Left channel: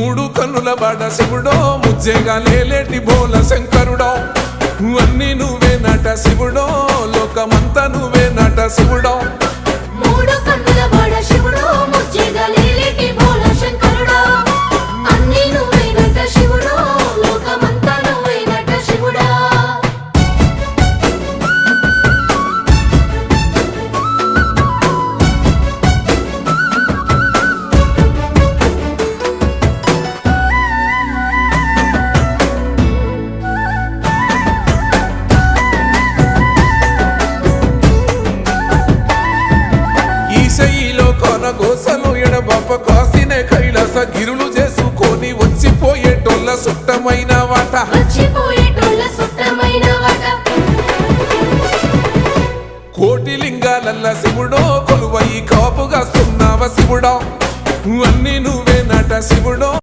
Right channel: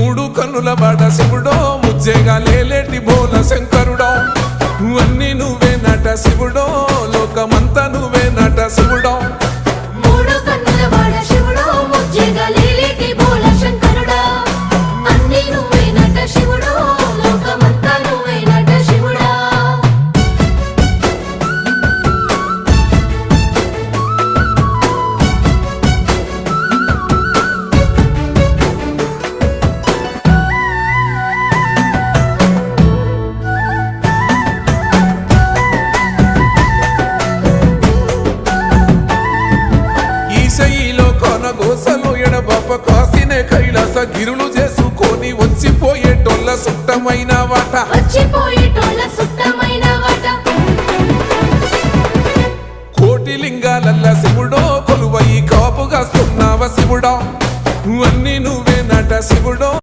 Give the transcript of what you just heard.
మూడు కన్నుల బాట శివుడో ముజ్జేగా లేలేటి బోల శంకరుడో అన్నీ నువ్వే నట శివుడో లోకమంతా నువ్వే నట శివుడో మూడు కన్నుల బాట శివుడో ముజ్జేగా లేలేటి బోల శంకరుడో అన్నీ నువ్వే నట శివుడో లోకమంతా నువ్వే నట శివుడో ఈశయిలో కొనగోసలు ఎడబాప కాసినే కైలాస గిరులు చేసుకొని వచ్చిపోయేటోళ్ళ సుట్టమైన వాట వచ్చిపోయేటోళ్ళ సుట్టమైన వాట కోటి లింగాలల్ల శివుడో కొలువయి కాపుగాస్తున్నావ శివుడో అన్నీ నువ్వే నట శివుడో